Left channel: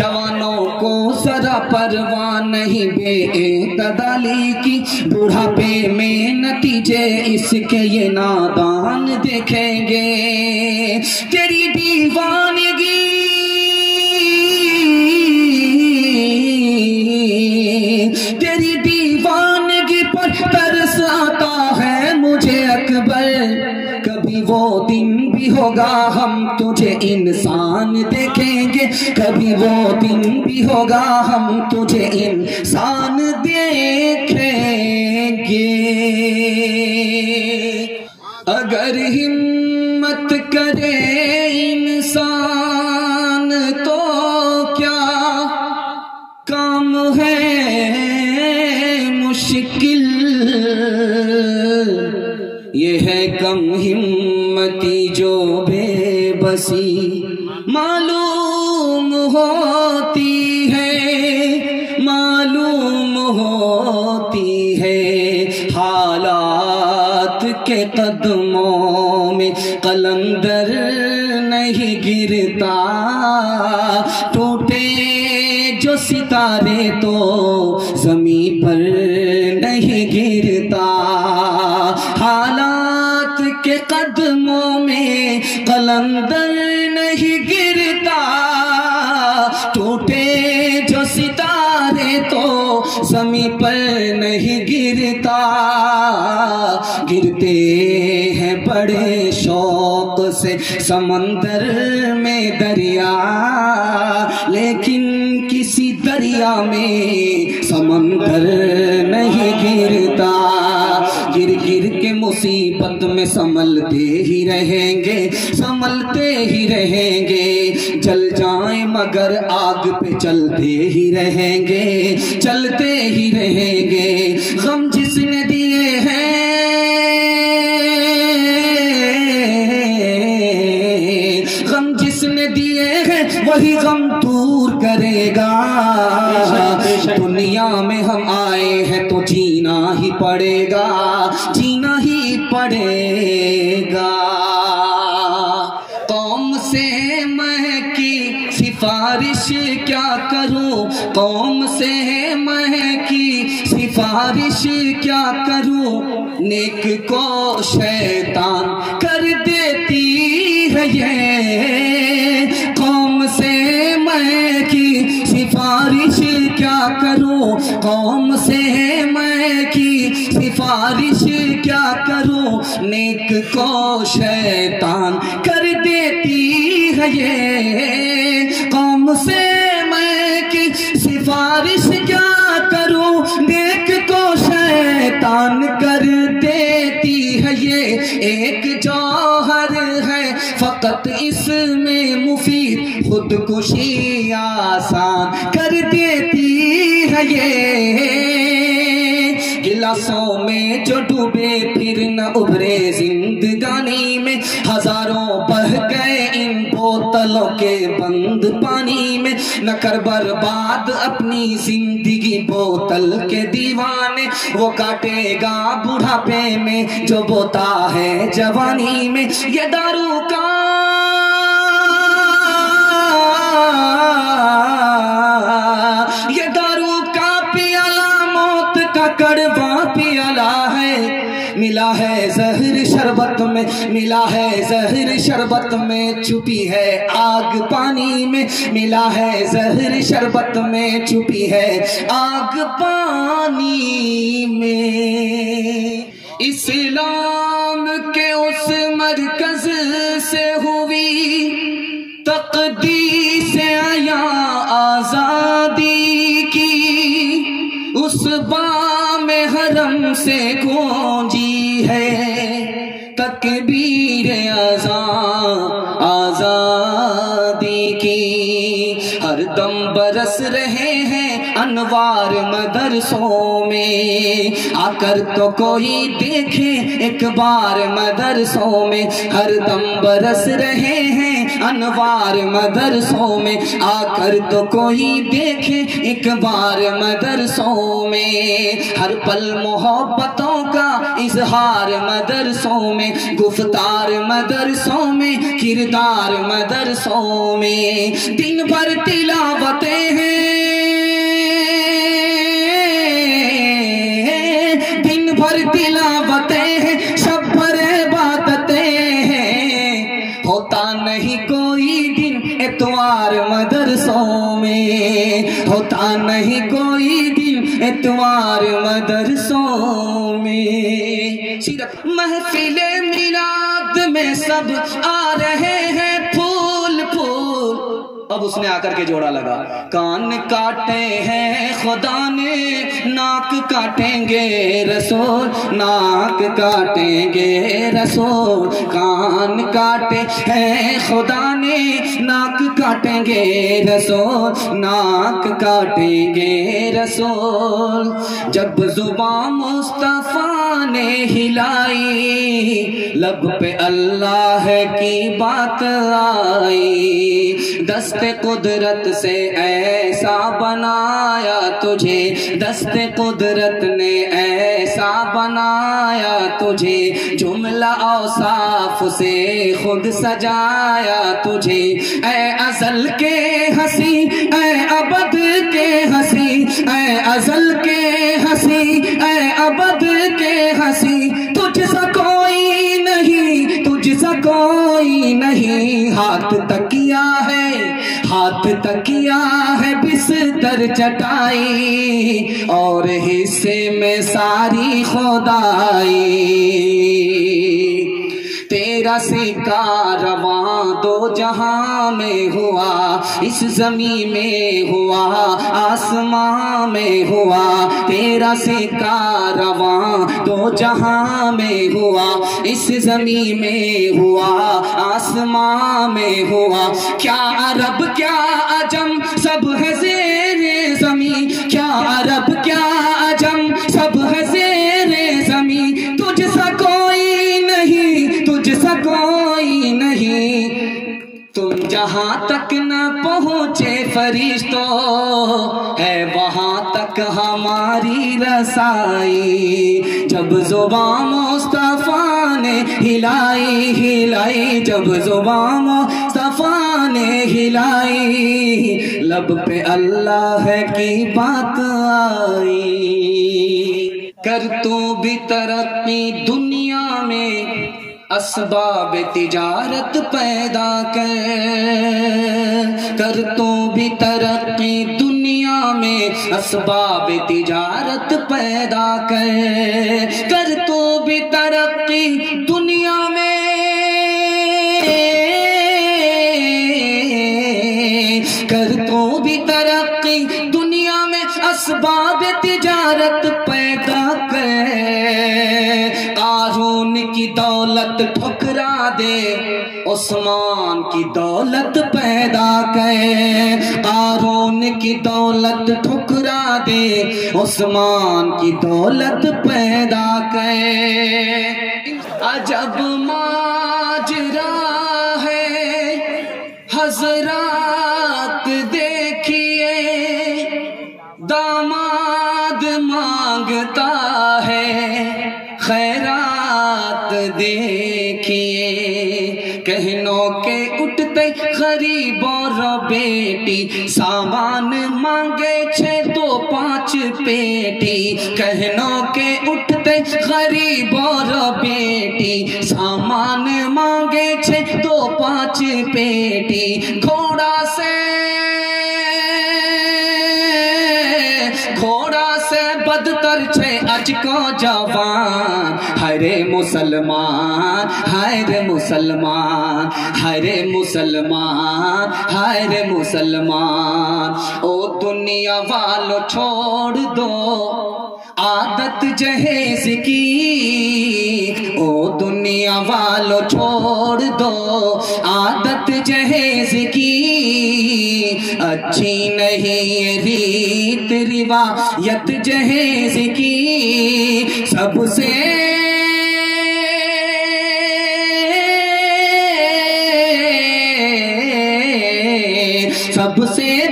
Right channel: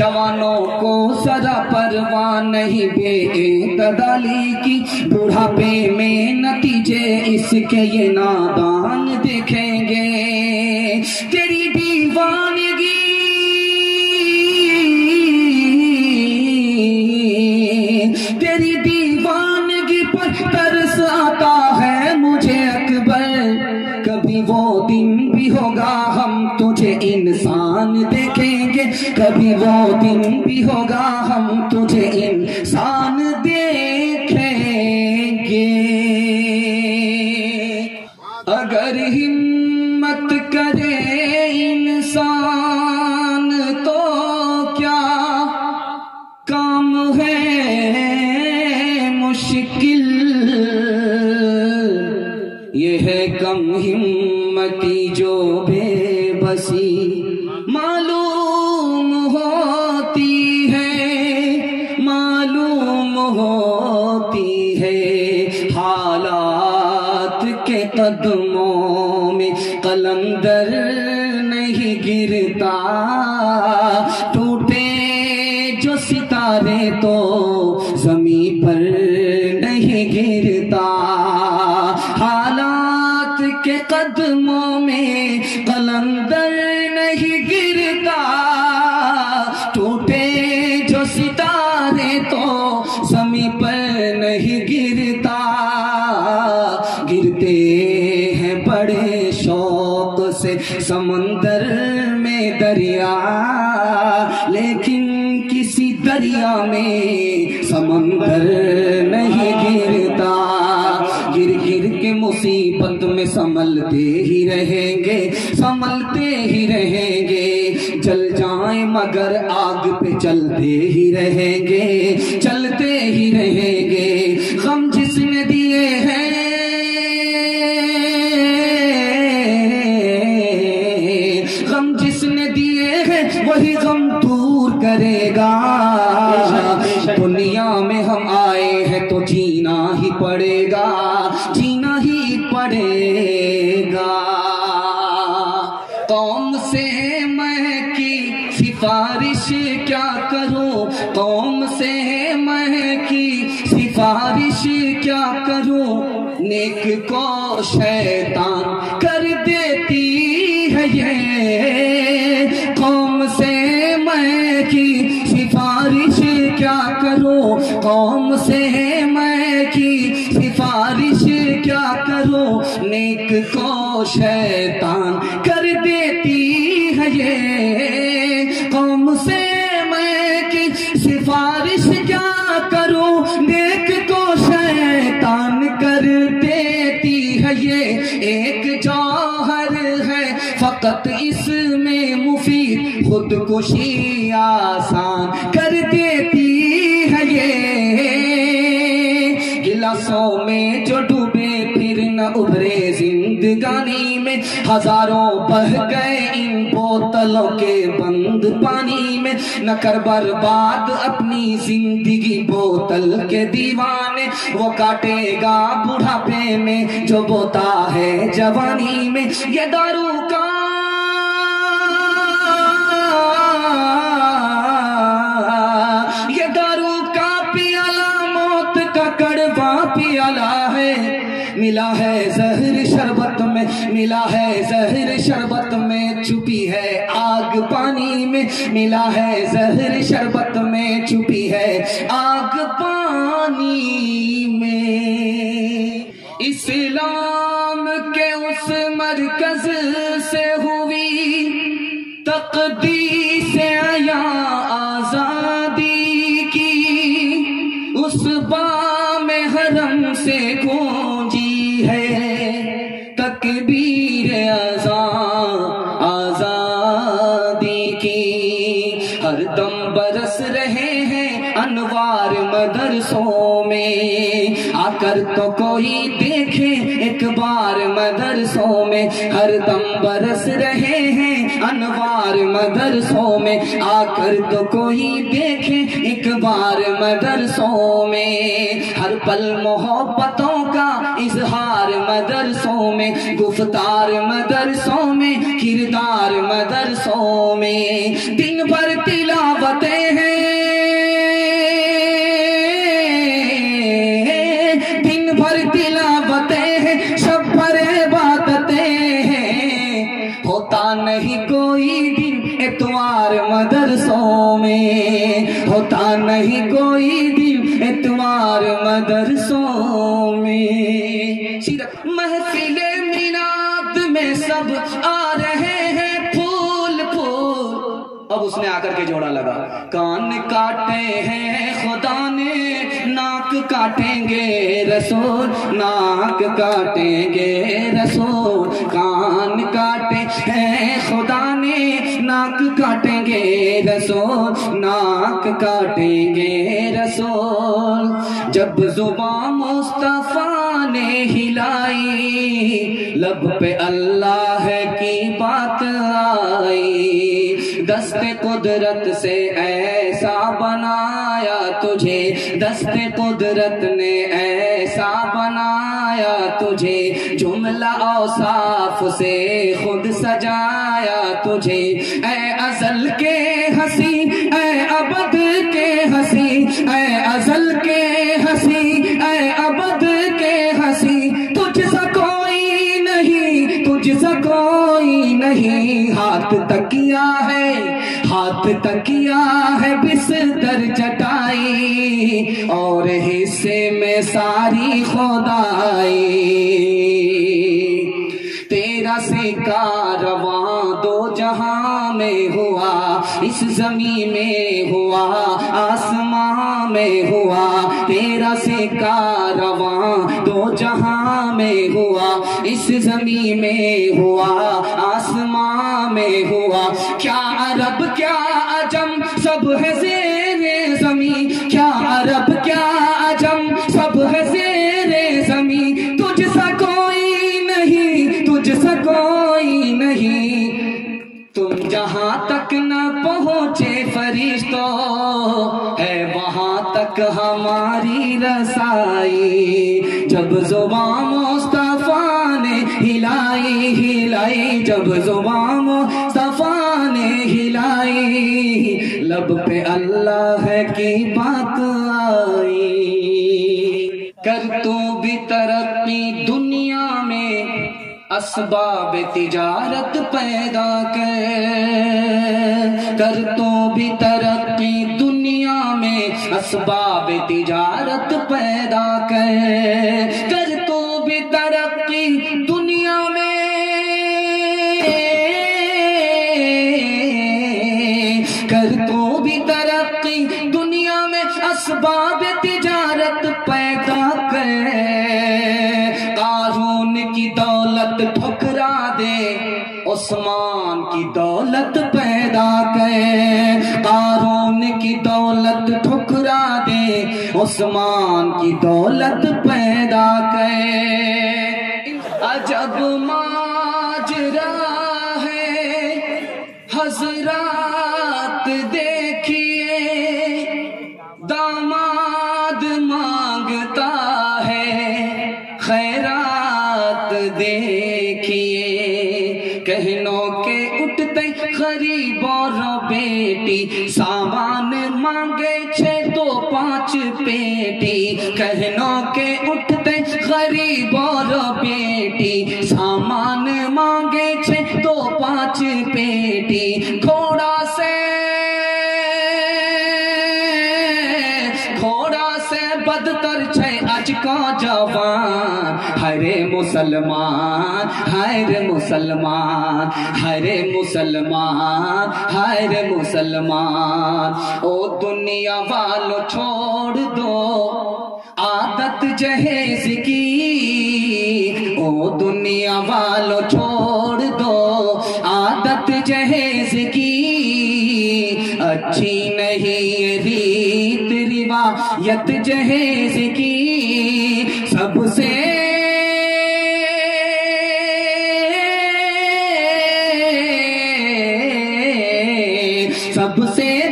جوانوں کو ذرا پرواہ نہیں بے اعتدالی کی، بڑھاپے میں نتیجے اس کے یہ نادان دیکھیں گے۔ تیری دیوانگی تیری دیوانگی پر ترس آتا ہے مجھے اکبر، کبھی وہ دن بھی ہوگا ہم تجھے انسان دیکھیں گے، کبھی وہ دن بھی ہوگا ہم تجھے انسان دیکھیں گے۔ اگر ہمت کرے انسان تو کیا کام ہے مشکل، یہ ہے کم ہمتی جو بے بسی معلوم ہوتی ہے، معلوم ہوتی ہے۔ حالات کے قدموں میں قلندر نہیں گرتا، ٹوٹے جو ستارے تو زمین پر نہیں گرتا۔ حالات کے قدموں میں قلندر نہیں گرتا، ٹوٹے جو ستارے تو زمین پر نہیں گرتا۔ گرتے ہیں بڑے شوق سے سمندر میں دریا، لیکن کسی دریا میں سمندر نہیں گرتا۔ گر گر کے مصیبت میں سنبھلتے ہی رہیں گے، سنبھلتے ہی رہیں گے، جل جائیں مگر آگ پہ چلتے ہی رہیں گے، چلتے ہی رہیں گے۔ غم جس نے دیے ہیں غم جس نے دیے ہیں وہی غم دور کرے گا۔ دنیا میں ہم آئے ہیں تو جینا ہی پڑے گا، جینا ہی پڑے گا۔ قوم سے میں کی سفارش کیا کروں، قوم سے میں کی سفارش کیا کروں، نیک کو شیطان کر دیتی ہے یہ۔ قوم سے میں کی سفارش کیا کروں، قوم سے میں کی سفارش کیا کروں، نیک کو شیطان کر دیتی ہے یہ۔ قوم سے میں کی سفارش کیا کروں، نیک کو شیطان کر دیتی ہے یہ۔ ایک جوہر ہے فقط اس میں مفید، خودکشی آسان کر دیتی ہے یہ۔ گلاسوں میں جو ڈوبے پھر نہ ابھرے زندگانی میں، ہزاروں بہہ گئے ان بوتلوں کے بند پانی میں، نہ کر برباد اپنی زندگی بوتل کے دیوانے، وہ کاٹے گا بڑھاپے میں جو بوتا ہے جوانی میں۔ یہ دارو کا پیالہ موت کا کڑوا پیالہ ہے، ملا ہے زہر شربت میں، ملا ہے زہر شربت میں، چھپی ہے آگ پانی میں، ملا ہے زہر شربت میں، چھپی ہے آگ پانی میں۔ اسلام کے اس مرکز سے ہوئی تقدیس عیاں آزادی کی، اس بام حرم سے گونجی ہے تکبیر اذان آزادی کی۔ ہر دم برس رہے ہیں انوار مدرسوں میں، آ کر تو کوئی دیکھے ایک بار مدرسوں میں، ہر دم برس رہے ہیں انوار مدرسوں میں، آ کر تو کوئی دیکھے ایک بار مدرسوں میں۔ ہر پل محبتوں کا اظہار مدرسوں میں، گفتار مدرسوں میں، کردار مدرسوں میں، دن بھر تلاوت میں ہوتا نہیں کوئی دن اتوار مدرسوں میں سیرت محفل میلاد میں سب آ رہے ہیں پھول پھول اب اس نے آ کر کے جوڑا لگا کان کاٹے ہیں خدا نے ناک کاٹیں گے رسول ناک کاٹیں گے رسول کان کاٹے ہیں خدا نے ناک کاٹیں گے رسول ناک کاٹیں گے رسول جب زبان مصطفیٰ نے ہلائی لب پہ اللہ کی بات آئی دست قدرت سے ایسا بنایا تجھے دست قدرت نے ایسا بنایا تجھے جملہ اوصاف سے خود سجایا تجھے اے ازل کے ہنسی اے ابد کے ہنسی اے ازل کے ہنسی اے ابد کے ہنسی تجھ سا کوئی نہیں تجھ سا کوئی نہیں ہاتھ تکیا ہے ہاتھ تکیا ہے بستر چٹائی اور حصے میں ساری خدائی تیرا سکہ رواں دو جہاں میں ہوا اس زمین میں ہوا آسماں میں ہوا تیرا سکہ رواں دو جہاں میں ہوا اس زمین میں ہوا آسماں میں ہوا کیا عرب کیا عجم سب ہے زیر زمین کیا عرب کیا عجم سب ہے زیر زمین تجھ سا کوئی نہیں تجھ سا کوئی نہیں تم جہاں تک نہ پہنچے فرشتوں ہے وہاں تک ہماری رسائی جب زبان مصطفیٰ نے ہلائی ہلائی جب زبان مصطفیٰ نے ہلائی لب پہ اللہ کی بات آئی کر تو بھی ترقی دنیا میں اسباب تجارت پیدا کر تو بھی ترقی دنیا میں اسباب تجارت پیدا کر تو بھی ترقی دنیا میں کر تو بھی ترقی دنیا میں اسباب تجارت پیدا قارون کی دولت ٹھکرا دے عثمان کی دولت پیدا قارون کی دولت ٹھکرا دے عثمان کی دولت پیدا عجب ماجرا ہے حضرات دیکھیے داماد مانگتا ہے خیرات دیکھیے کہنوں کے اٹھتے غریب اور بیٹی سامان مانگے 6 2 5 پیٹی کہنوں کے اٹھتے غریب اور بیٹی سامان مانگے 6 2 5 پیٹی گھوڑا سے بدتر 6 اج کو جوان ہائے مسلمان ہائے مسلمان ہائے مسلمان ہائے مسلمان او دنیا والو چھوڑ دو عادت جہیز کی او دنیا والو چھوڑ دو عادت جہیز کی اچھی نہیں ریت روایت جہیز کی سب سے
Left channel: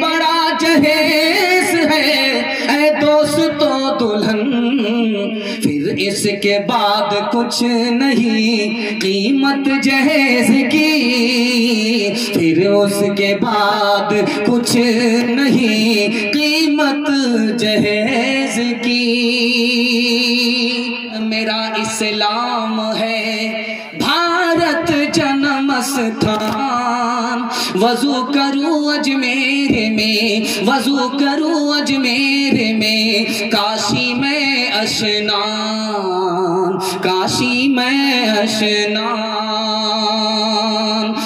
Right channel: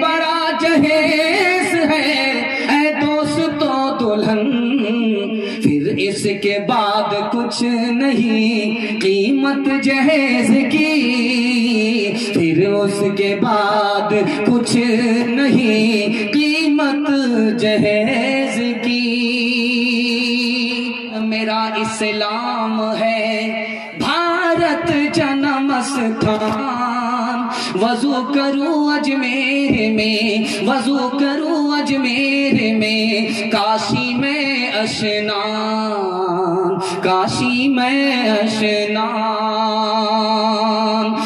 بڑا جہیز ہے اے دوستو دلہن پھر اس کے بعد کچھ نہیں قیمت جہیز کی پھر اس کے بعد کچھ نہیں قیمت جہیز کی میرا اسلام ہے بھارت جنم استھان وضو کرو اجمیر میں وضو کروں اجمیر میں، کاشی میں اشنان، کاشی میں اشنان،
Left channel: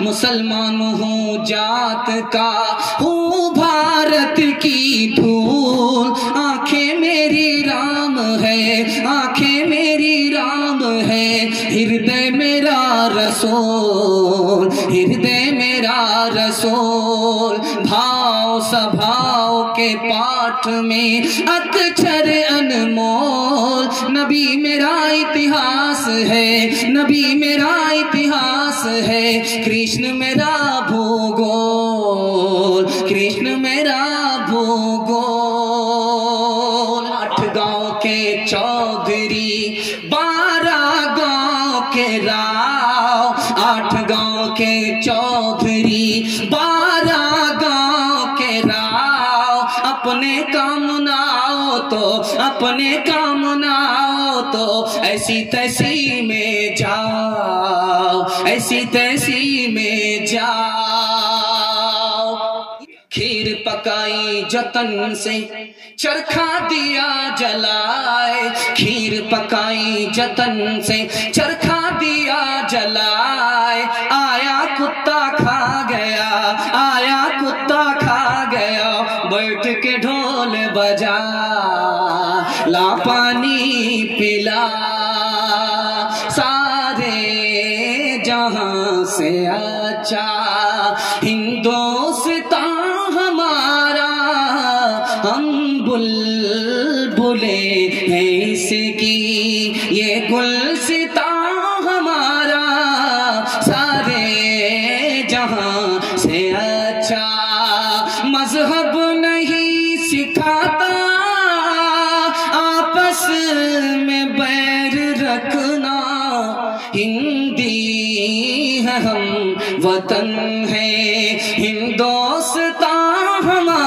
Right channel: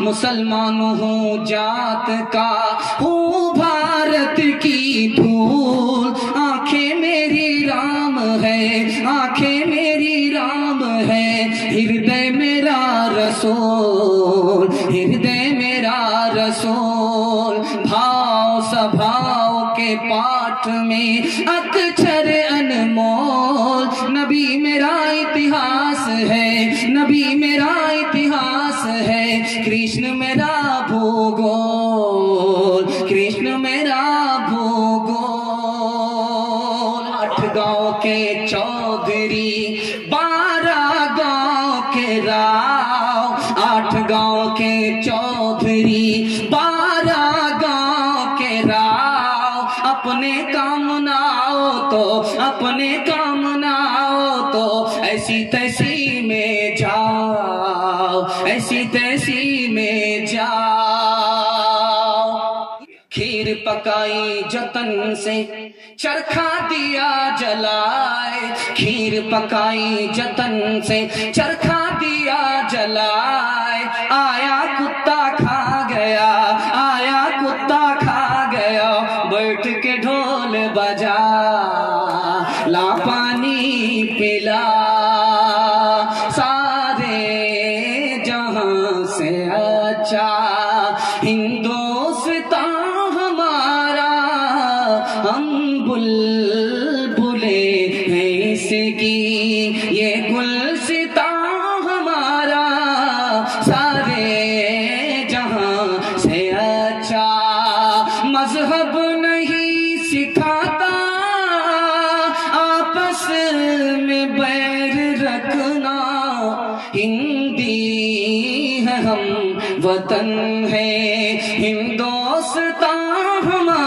مسلمان ہوں جات کا ہوں بھارت کی دھول، آنکھیں میری رام ہے، آنکھیں میری رام ہے، ہردے میرا رسول، ہردے میرا رسول، بھاؤ سبھاؤ کے پاٹھ میں اکچھر انمول، نبی میرا اتہاس ہے، نبی میرا اتہاس ہے، کرشن میرا بھوگول، کرشن میرا بھوگول، 8 گاؤں کے چودھری 12 گاؤں کے راؤ، 8 گاؤں کے چودھری 12 گاؤں کے راؤ، اپنے کام نہ آؤ تو، اپنے کام نہ آؤ تو ایسی تیسی میں جاؤ، ایسی تیسی میں جاؤ، کھیر پکائی جتن سے چرخا دیا جلائے، کھیر پکائی جتن سے چرخا دیا جلائے، آیا کتا کھا گیا، آیا کتا کھا گیا، بیٹھ کے ڈھول بجا، لا پانی پلا، سارے جہاں سے اچھا ہندوستان ہمارا، ہم بلبلے ہیں اس کی، یہ گلستان ہمارا، سارے جہاں سے اچھا، مذہب نہیں سکھاتا آپس میں بیر رکھنا، ہندی ہے ہم وطن ہے ہندوستان ہمارا،